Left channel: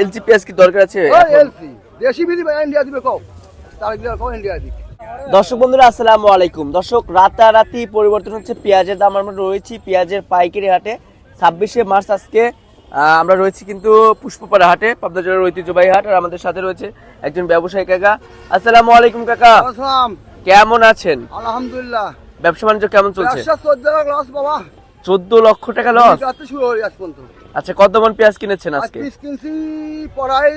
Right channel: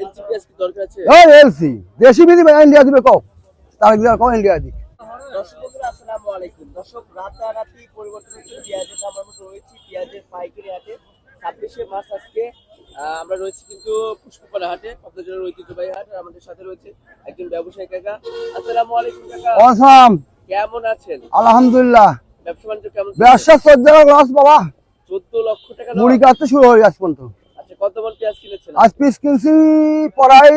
LG পেঁয়াজ কি দরকার আছে? এলসি দেশি বিধি ইন্ডিয়া দিবে কও তার দিলে কও ইন্ডিয়া দিবে। দর্শক বন্ধুরা আসসালামু আলাইকুম। দর্শক রাতারাতি পরিবর্তন হচ্ছে পেঁয়াজের দাম। আমরা রয়েছি পেঁয়াজের পাইকারি হাটে 26শে মার্চ আজকে। আমরা রয়েছি কিন্তু পুষ্পপাড়া হাটে, পাবনা জেলার ঐতিহ্যবাহী হাট। আর আমাদের সাথে রয়েছে একজন ব্যবসায়ী কাকা। আসসালামু আলাইকুম কাকা, আসসালাম। কেমন আছেন? আলহামদুলিল্লাহ। ব্যবসা বাণিজ্য কেমন চলছে? ব্যবসা 14 লস বাবা, 14 লক্ষ টাকা লস। দুই কাতে শুরু হয়ে যাচ্ছে পর্যন্ত। আচ্ছা, কত মন পেঁয়াজ কিনেছেন আজ আজকে? পিস কিনছি প্রায়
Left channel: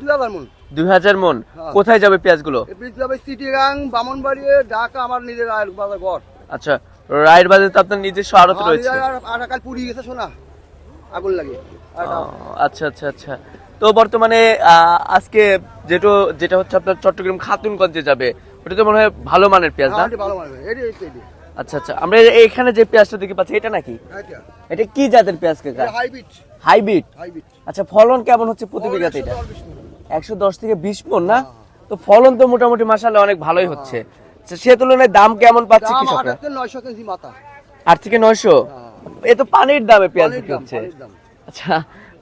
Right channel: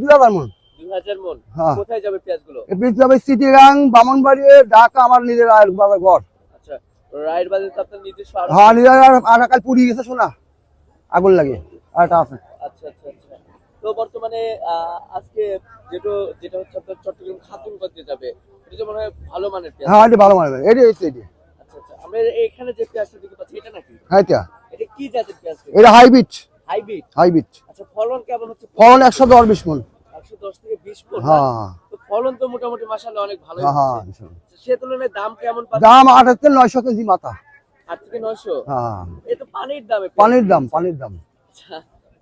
2000 মন। 2000 মন। হ্যাঁ। কোথায় যাবে পেঁয়াজগুলো? পিস যাবে চিটিগাং, বামনবাড়ি, ঢাকা, আমার নিজের আয়ের বাজার ঘর। আচ্ছা, রায়ের বাজারে তো আপনার নিজস্ব আড়ত হ্যাঁ, রয়েছে। নিজের আর কাল পুড়ি গেছে শোনা, আগুন লাগে আরেকটা আছে। আচ্ছা আচ্ছা আচ্ছা। তো বর্তমানে আজকে যেটা হচ্ছে আপনার চট্টগ্রাম খাতুনগঞ্জে যাবে, ওটা তো মনে হয় ভালো মানের পেঁয়াজ। হ্যাঁ, না? এটা ভালো মানে এটা। আচ্ছা আচ্ছা, আমরা এখানে যে পেঁয়াজটা দেখতে পাচ্ছি এটা নাকি? হ্যাঁ, এটা কি জাতের পেঁয়াজ? এটা হাইব্রিড। হাইব্রিড। আচ্ছা, ফলন কেমন হচ্ছে? ফলন 110-20 মন। 110 থেকে 20 মন না? হ্যাঁ। তো ফলন তো মোটামুটি মাশাআল্লাহ অনেক ভালোই হচ্ছে। আচ্ছা, সে তুলনায় দাম কেমন পাচ্ছেন? দাম 8,900 কেজি মাথা। 8 থেকে 900। হ্যাঁ, এ তো পানির দামে পেঁয়াজ হচ্ছে। পানির দাম। আচ্ছা,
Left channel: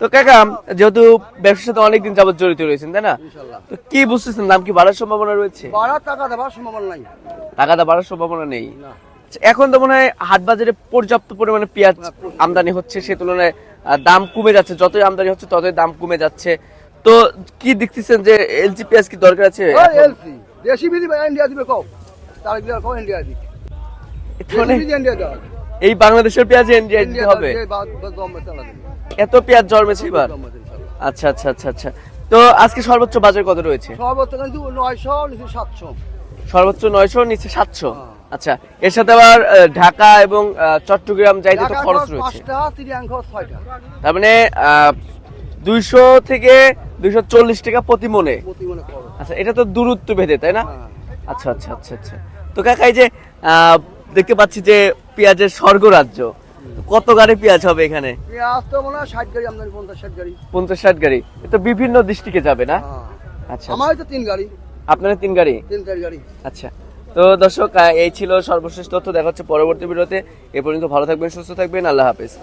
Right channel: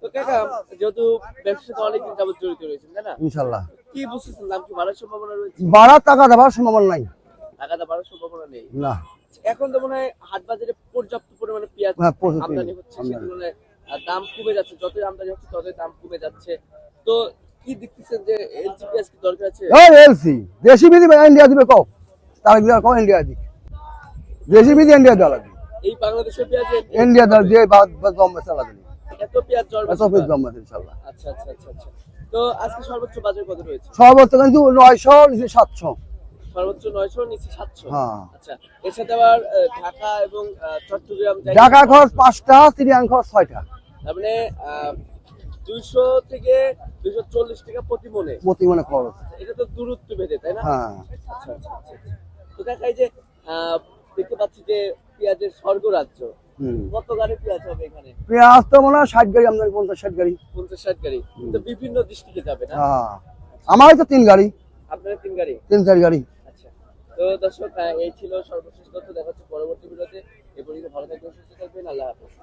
তো কাকা যেহেতু ব্যবসার সাথে অনেকদিন যাবত জড়িত রয়েছেন, তাই না? ইনশাআল্লাহ। তো কি বুঝতেছেন, দাম কি বাড়ার সম্ভাবনা রয়েছে? বাড়ার টাকা দেওয়ার সম্ভাবনা নাই। টাকাটা বাড়ার সম্ভাবনা নেই। না। আচ্ছা, এখন তো মনে হয় হাট বাজারে পর্যাপ্ত পরিমাণে পেঁয়াজ হ্যাঁ, প্রচুর আমদানি হচ্ছে, সে তুলনায় দাম কমে যাচ্ছে। যতই আমদানি হচ্ছে ততই দাম কমে যাচ্ছে। তো কি দেখতেছেন যে এলজি পেঁয়াজ কি দরকার আছে? এলসি দেশি বিধি ইন্ডিয়া দিবে কও তার দিলে কও ইন্ডিয়া দিবে। দেশি বিধি ইন্ডিয়া দেওয়া লাগবে। এই বাংলাদেশের পেঁয়াজ ইন্ডিয়া হবে? দিয়ে দম চালা দিবে। এত পেঁয়াজ জন্মেছে এবার? দম ইনশাআল্লাহ। আচ্ছা আচ্ছা আচ্ছা আচ্ছা। তো আজকে সর্বোচ্চ বাজার কত রয়েছে? সর্বোচ্চ কিন্তু 900 নিচে 700। সর্বোচ্চ 900, নিচে 700। হ্যাঁ। আচ্ছা, এর সাথে আবার ঢাকা এবং চট্টগ্রাম যাইতে ঢাকা খরচ খরচ রয়েছে। 5টা, চিড়িয়াং খরচ 6টা। তার মানে 200 থেকে 240 টাকা প্রতি মনে। প্রতি মানে খরচ। আচ্ছা, এটা তো দূরত্ব ভেদে, তাই না? হ্যাঁ। আচ্ছা আচ্ছা আচ্ছা আচ্ছা। তো কাকা, এই যে দেখতে পাচ্ছি যে পেঁয়াজের স্বর্গরাজ্য, কত গাড়ি পেঁয়াজ হবে এখানে? পেঁয়াজ তো মনে হয় 60 গাড়ি আমদানি, 50-60 গাড়ি। 50-60 গাড়ি। তো বিভিন্ন ডিস্ট্রিক্টে যাবে না? হ্যাঁ। আচ্ছা, আমার তো 3 গাড়ি, আপনারা 3 গাড়ি? 3-4 গাড়ি। আচ্ছা, তো দর্শক এই ছিল সর্বশেষ তথ্য। দেখা হচ্ছে পরবর্তী ভিডিওতে। এ পর্যন্ত ভালো থাকবেন, সুস্থ থাকবেন, আল্লাহ হাফেজ।